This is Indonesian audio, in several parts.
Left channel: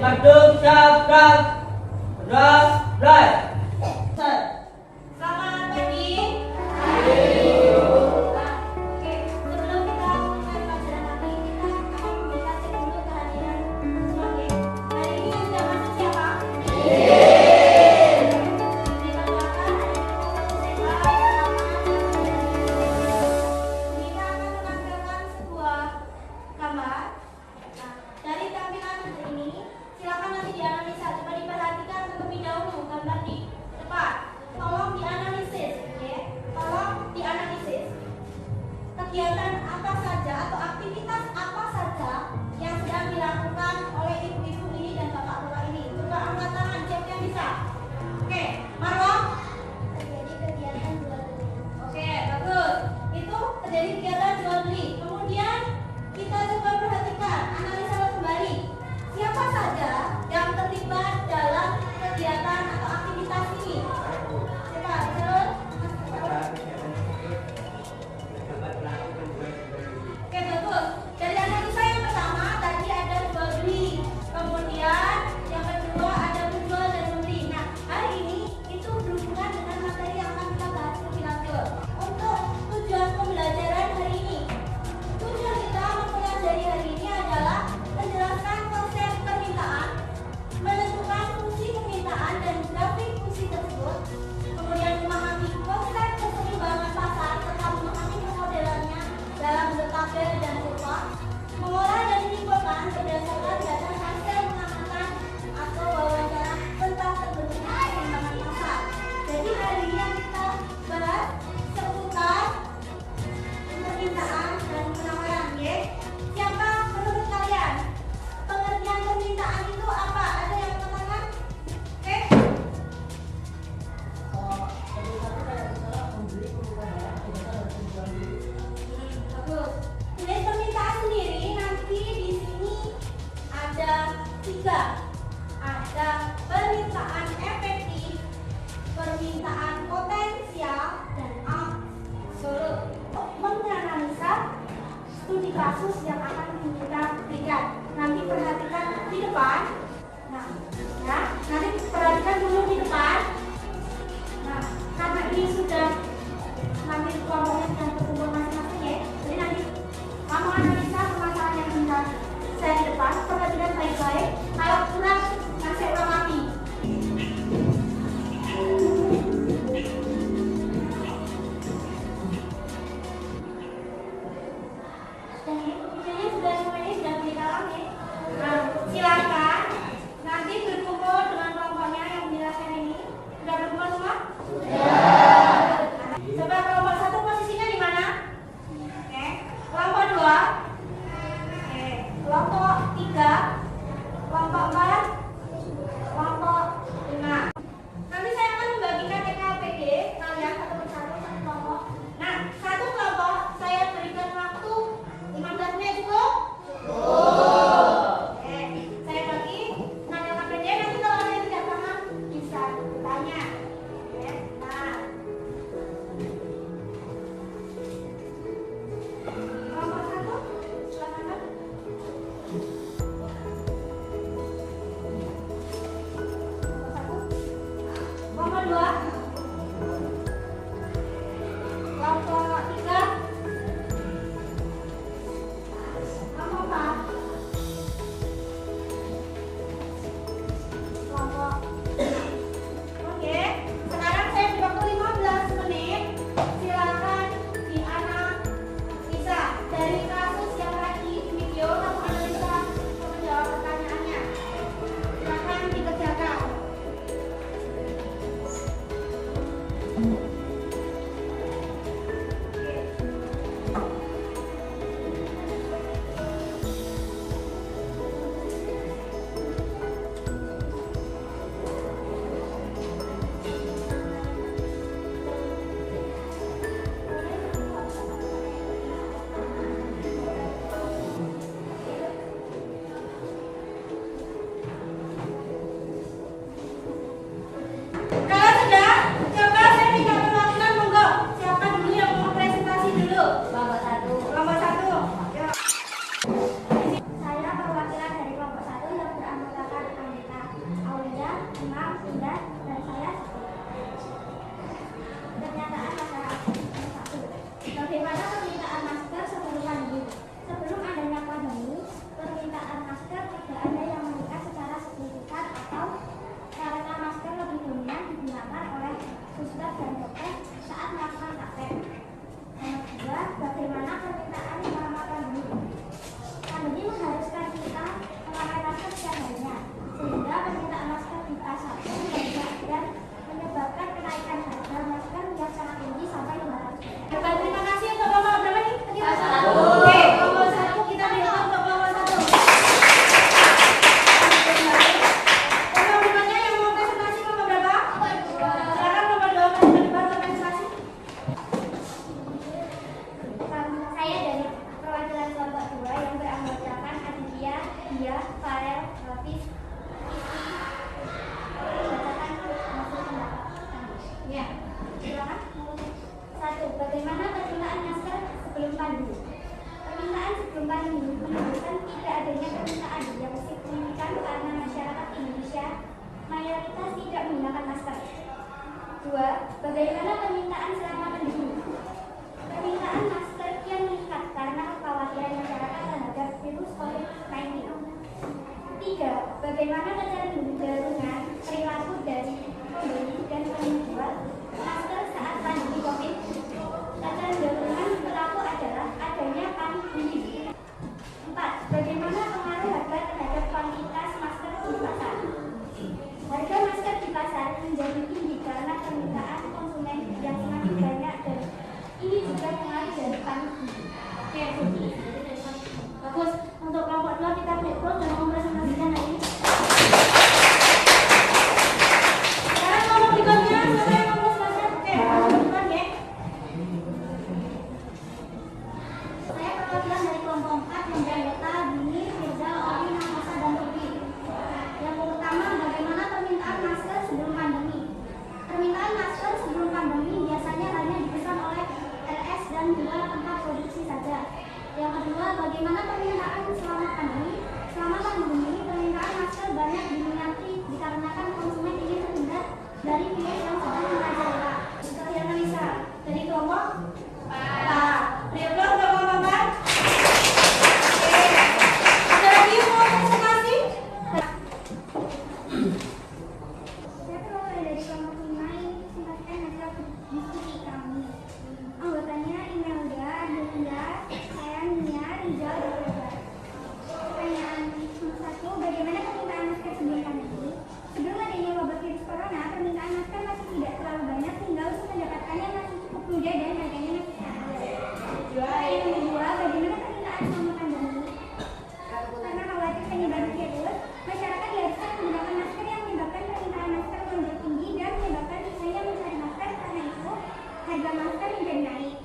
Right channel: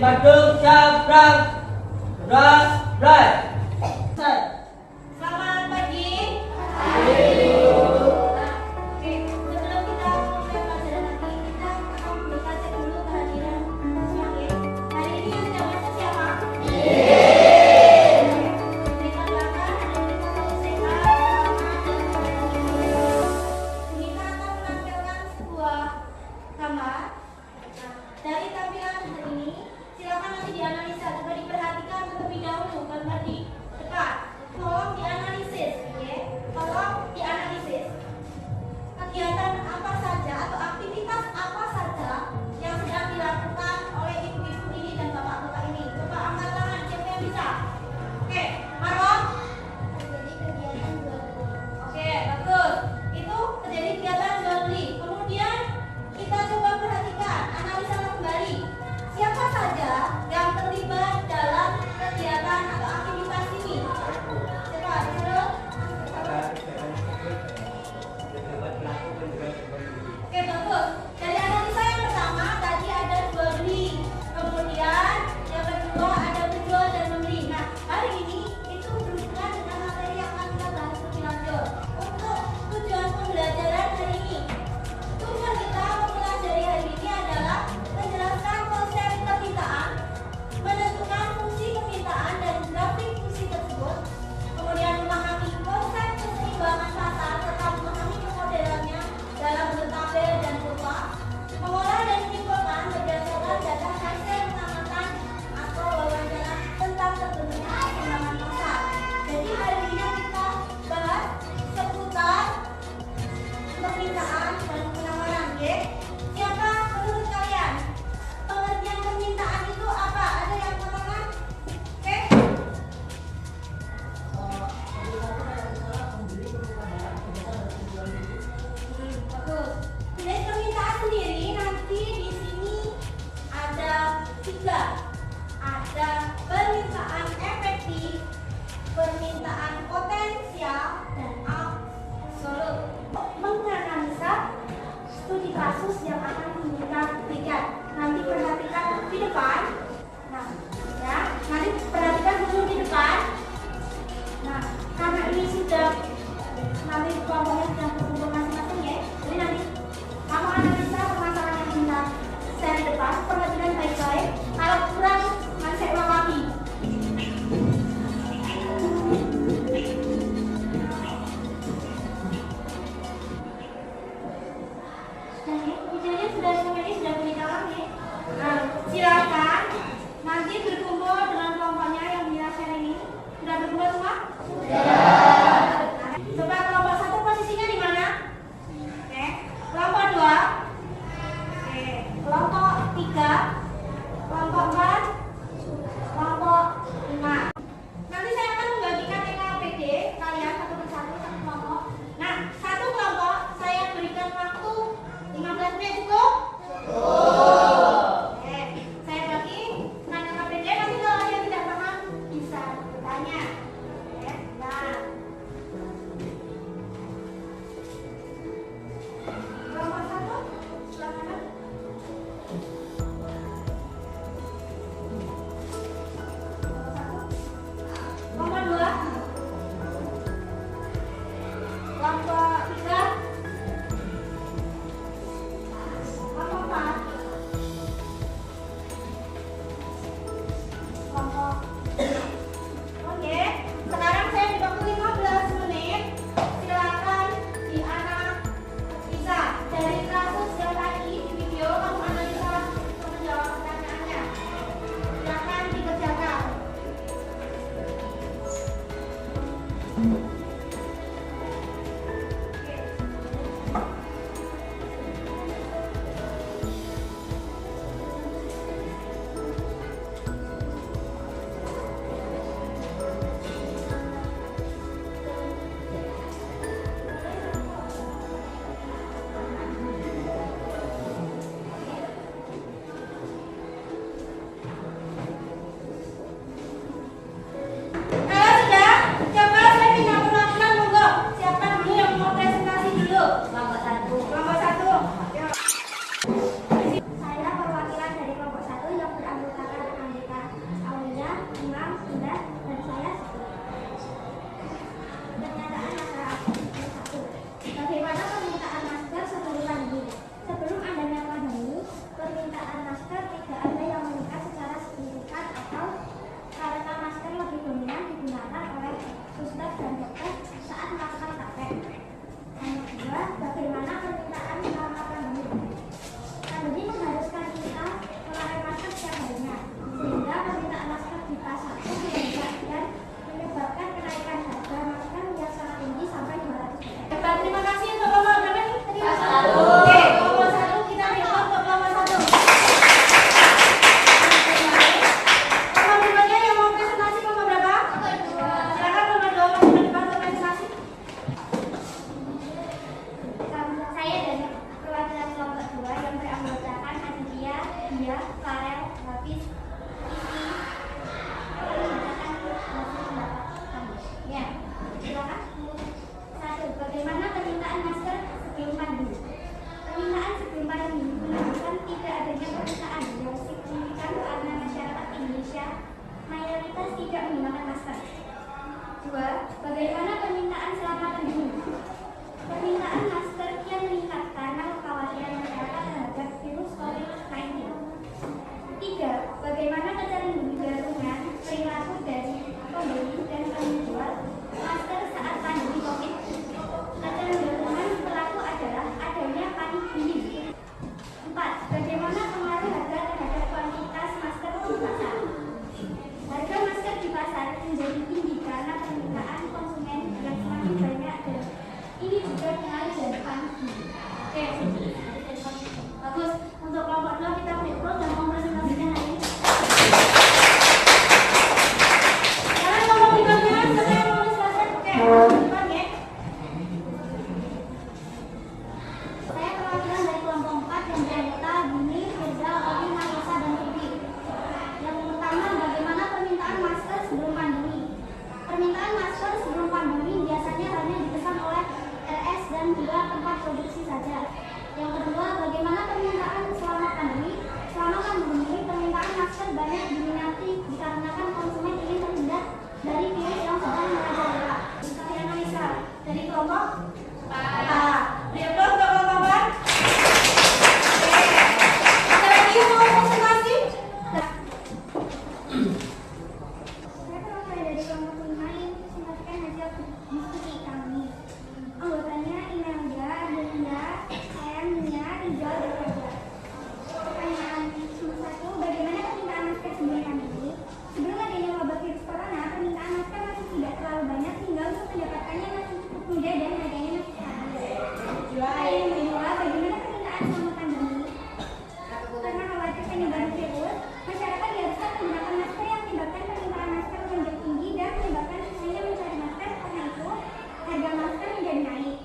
maju, siap, gerak. Right. Selamat pagi. Oke, sebelum kita mulai pelajaran nanti, kita akan minta cek dulu kehadiran semua, oke? Hari ini yang sudah masuk siapa? Berikan belakang, kita akan menampilkan sebuah gambar. Nah, dari tampilan ini, silakan nanti dianalisa. Coba diperhatikan terlebih dahulu gambar di depan. Tolong dianalisis, oke? Tolong dianalisis. Kegiatan apa saja atau aktivitas apa saja yang sedang dilakukan oleh ibu-ibu ini dan bapak-bapak ini? Coba angkat tangan, siapa yang bisa? Oke, Marwa? Terjadi kegiatan jual beli. Oke, bagus. Itu terjadi kegiatan jual beli. Kemudian kita coba perhatikan, analisa kembali. Siapa saja yang terlibat dalam kegiatan atau aktivitas ini? Coba terus. Oke, bagus. Dari analisa yang pertama tadi ada jual beli, kemudian yang kedua ada menjual dan membeli. Nah, hari ini itu berhubungan dengan materi yang akan kita bahas lebih lanjut. Untuk tujuan pembelajaran hari ini, tujuan kita mempelajari hari ini adalah menjelaskan konsep permintaan, menentukan fungsi permintaan dan grafik fungsi tersebut, kemudian memahami konsep keseimbangan pasar serta memahami pemodelannya dalam bentuk tabel dan kurva, mengolah dan menyimpulkan berdasarkan data hasil pengamatan atau wawancara tentang terbentuknya keseimbangan pasar. Jadi hari ini yang kita bahas seputar permintaan dan penawaran, oke? Siapa menurut kalian pengertian permintaan itu apa? Ada yang mengatakan? Oke? Bagus. Dari permintaan sendiri nanti di sini ada 3. Ada permintaan efektif, permintaan potensial, dan absolut. Menganalisa studi kasus yang akan kita berikan. Nanti perhatikan di depan. Nah, ya, nanti perhatikan dulu di depan. Nah, karena ini sudah nanti kelompoknya sudah berkumpul masing-masing ya. Jadi nanti kamu analisa permasalahan yang bisa saya di depan. Perhatikan baik-baik. Kalau kurang, masih ulang lagi. Dan ini videonya sudah semuanya sudah beri dalam ya. Nah, silakan nanti berkumpul dengan kelompoknya yang menjelaskan ini. Sudah berkumpul semua? Coba kelompok 1 posisinya di mana? Oke. Kelompok 2. Oke. Kelompok 3. Kelompok 4. Kelompok 5. Nanti saya akan membagikan TKPD kalian satu persatu satu kelompok. Nah, satu kelompok saya berikan waktu 15 menit cukup? Oke. Saya bagi TKPD, nanti kalau ada yang tidak paham bisa bertanya. Oke. Nah. Kelompok 1, silakan. Kelompok 2. Kelompok 3. Kelompok 4. Kelompok. Oke, sekarang saya beri waktu 15 menit. Silakan dianalisa dari kasus yang tadi di video. Kamu analisa untuk menjawab pertanyaannya. Silakan dikerjakan. Saya perwakilan dari kelompok 1 yang beranggotakan Nadia, Farel, Hafiz, ya, silakan. 1. Bagaimana permintaan masker sebelum pandemi? Permintaan sebelum pandemi menunjukkan tidak adanya permintaan yang signifikan karena masyarakat Indonesia mayoritas tidak menggunakan masker. 2. Bagaimana permintaan selama pandemi? Permintaan masker kian meningkat karena kekhawatiran masyarakat terhadap virus COVID-19. 3. Bagaimana kecenderungan perilaku dari pembeli dan penjual masker saat pandemi COVID? Kecenderungan perilaku adalah adanya panik tinggi. 4. Bagaimana pengaruh harga terhadap kuantitas masker di pasar? Harga masker di pasar menjadi tinggi karena permintaan konsumen yang semakin banyak dan ini juga pengaruh dari panik tinggi. Oke, bagus. Untuk kelompok 2 kita break dulu dan mempresentasikan hari ini. Sekarang kelompok berikutnya siapa yang mau mempresentasikan? Oke, depan ya. Saya perwakilan dari kelompok 4 yang beranggota Dini, Firza, Oli, Nafisa, dan Ruby. Yang pertama, bagaimana permintaan masker sebelum pandemi? Permintaan masker sebelum pandemi biasanya hanya dipesan oleh LS dan 2 tempat produksi saja. Yang kedua, bagaimana permintaan selama pandemi? Selama pandemi, permintaan masker banyak diminati dikarenakan konsumen ingin terhindar dari virus yang sedang merajalela. Saya Nafisa dari kelompok A. Berikut untuk kelompok A. Oke. Ada lagi yang mau presentasi? Saya perwakilan dari kelompok 5 yang presentasikan hasil diskusi kami. Anggotanya Imelda, Delia, Nia, Rizal, dan Edward. Pertanyaan nomor 1, bagaimana permintaan masker sebelum pandemi? Sebelum adanya wabah virus corona, permintaan masker masih tidak terlalu banyak, hingga untuk mendapatkannya masih cukup mudah dan harganya masih stabil. Yang kedua, bagaimana permintaan selama pandemi? Karena khawatir penyebaran virus, masyarakat diharuskan menggunakan masker yang menyebabkan permintaan masker menjadi tinggi dan menyebabkan hanya mencari masker. Karena itu, harga masker menjadi naik.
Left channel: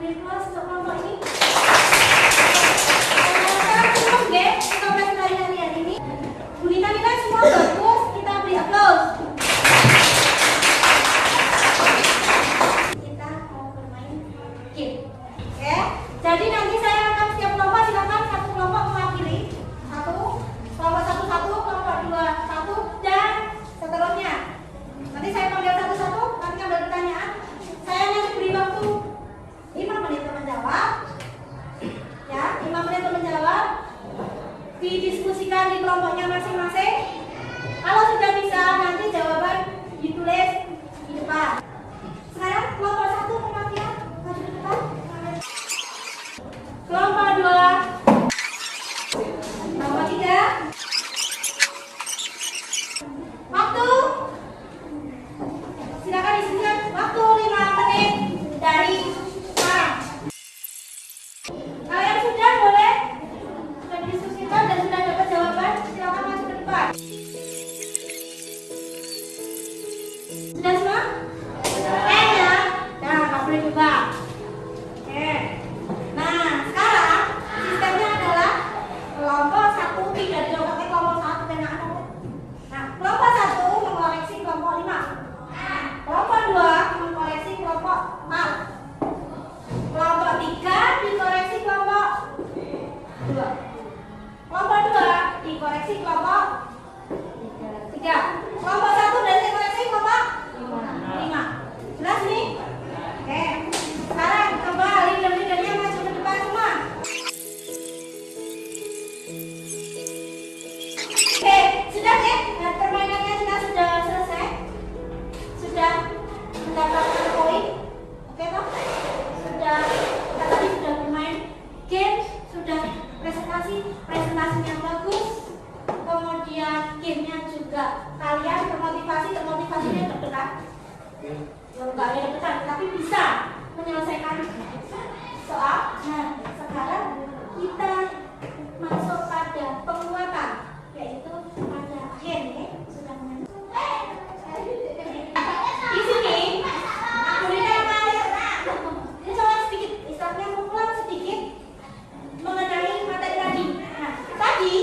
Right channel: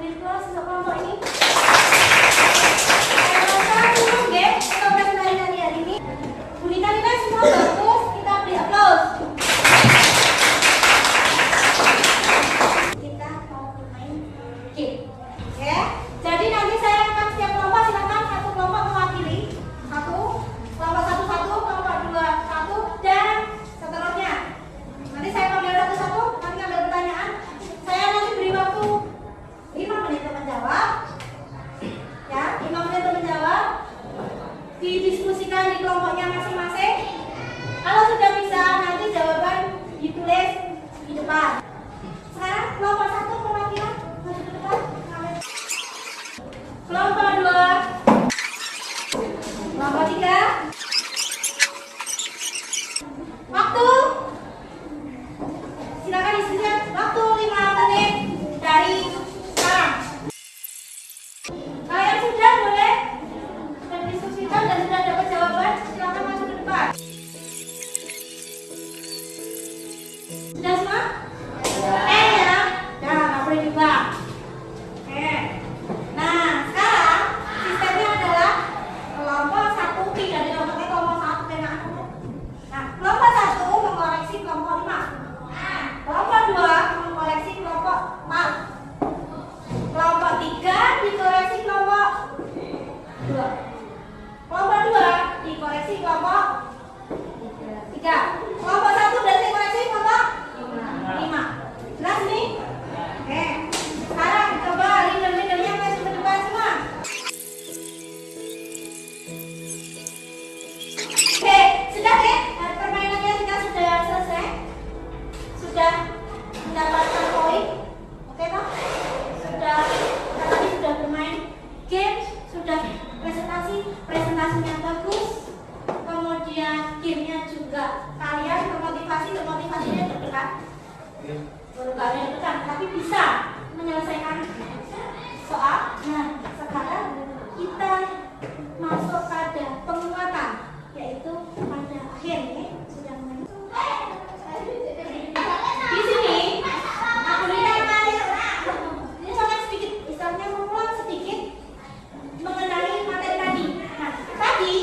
Beri close untuk kelompok ini. Semua bagus, kita beri aplaus. Kita mau bermain game, oke? Jadi nanti saya akan setiap kelompok silakan satu kelompok mewakili kelompok satu, kelompok 2 1 dan seterusnya. Nanti saya panggil satu-satu, nanti ngambil pertanyaan. Saya nanti beri waktu 5 menit untuk menjawab. Ya, 5 menit untuk menjawab. Didiskusikan di kelompoknya masing-masing. Kalau sudah bisa, nanti jawaban ditulis di depan. Sekarang kelompok 1 perwakilan maju ke depan. Kelompok 2, kelompok 3. Waktu. Silakan diskusikan. Waktu 5 menit dari sekarang. Kalian sudah boleh diskusikan dan sudah dapat jawaban, silakan masuk ke depan. Sudah semua? Ya? Nah, nggak boleh coba. Oke. Nah, sekarang sistemnya adalah kelompok 1 tidak dilakukan kelompok 1 dengan kelompok. Nah, kelompok 1 mengoreksi kelompok 5. Kelompok 2 mengoreksi kelompok 4. Kelompok 3 dikoreksi kelompok 2. Kelompok 2 dikoreksi kelompok 3. Kelompok 1 berarti koreksi kelompok 5. Jelas nih? Oke. Sekarang coba leader-leadernya masuk ke depan semua. Oke, sudah ya? Permainannya sudah selesai. Sudah mendapatkan poin. Oke toh? Tadi sudah bermain game, sudah presentasinya bagus, kemudian gamenya juga kalian termotivasinya terdekat, tapi bisa menyelesaikan soal. Nah, sekarang kita masuk pada penguatan, yaitu pada akhir ya, sudah main. Di sini aku lihat ini sangat sedikit, istilahnya mengulang sedikit mengenai materi tadi. Nah, tadi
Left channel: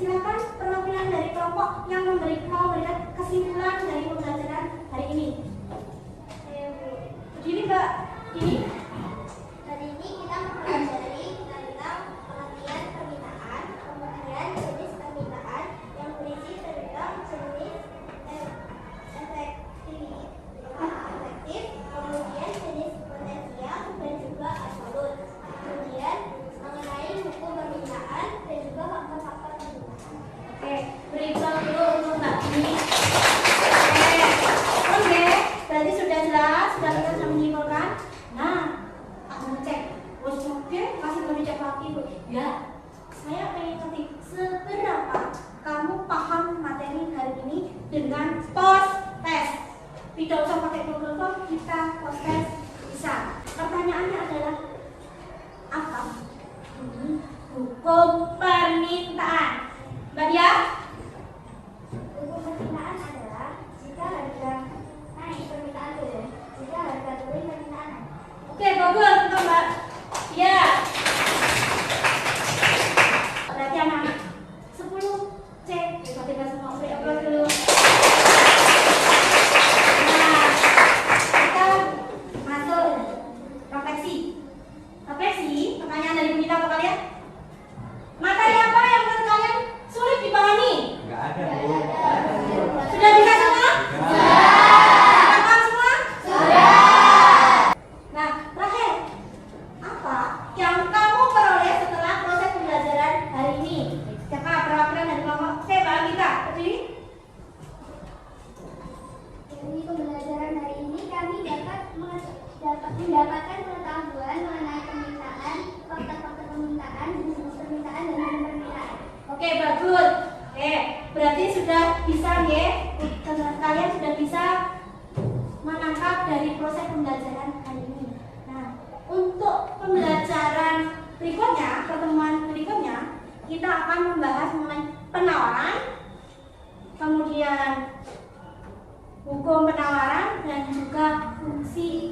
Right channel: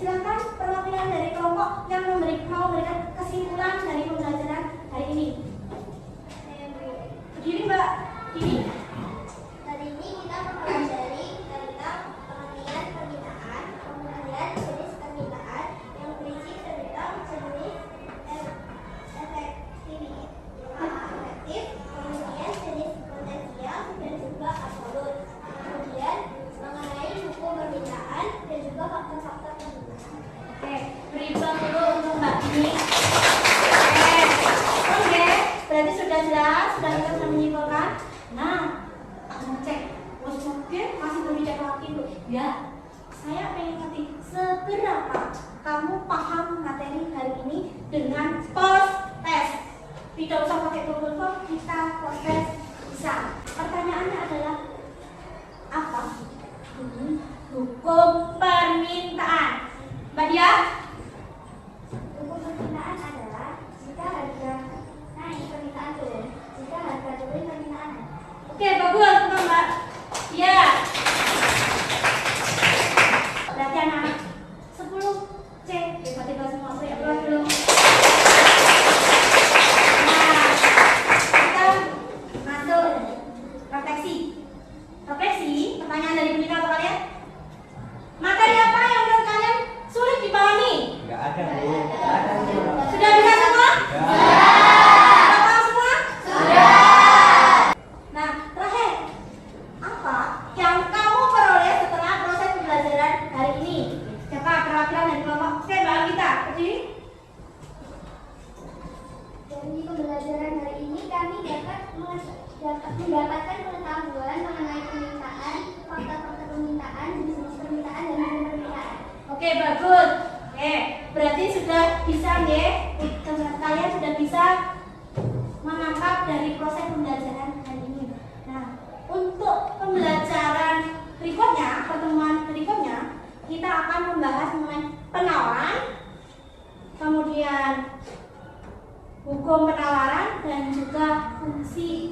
silakan perwakilan dari kelompok yang mau memberikan kesimpulan dari pembelajaran hari ini. Begini Mbak, ini Hari ini kita mempelajari tentang pengertian permintaan, kemudian jenis permintaan yang berisi tentang jenis efektif, kemudian jenis potensial dan juga absolut. Kemudian mengenai hukum permintaan dan juga faktor-faktor permintaan. oke, beri peluang dulu untuk Mbak ini. Oke, berarti sudah jelas, sudah kita bisa menyimpulkan. Nah, aku cek, bos oke, masih mau dicek lagi tuh. Ya, saya pengen ngerti seberapa kamu paham materi hari ini dengan post test. Tidak usah pakai Google Form, kita post test bisa. Pertanyaannya adalah apa? Hukum permintaan. Mbak Dia? Hukum permintaan adalah jika harga naik permintaan turun, jika harga turun permintaan naik. Oke, bagus untuk Mbak. Ya. Berarti anak-anak 10C. Tiba-tiba semua beri aplaus dulu. Nah, kita masuk refleksi. Refleksi, pertanyaan dari Bu Dina untuk kalian. Materi apa yang menurut kalian sulit dipahami? Enggak ada, Bu. Enggak ada, Bu. Sudah bisa semua? Sudah paham semua? Nah, terakhir, apa yang kamu peroleh setelah proses pembelajaran hari ini? Siapa perwakilan dari kelompok? Saya Mbak Alita, berdiri. Dari pembelajaran hari ini kami dapat mendapatkan pengetahuan mengenai permintaan, faktor-faktor permintaan, jenis permintaan, dan hukum permintaan. Oke, bagus. Oke, berarti sudah bisa ya, kalian sudah bisa menangkap dari proses pembelajaran hari ini. Nah, untuk pembelajaran berikutnya, pertemuan berikutnya, kita akan membahas mengenai penawaran, kemudian hukum penawaran dan juga fungsi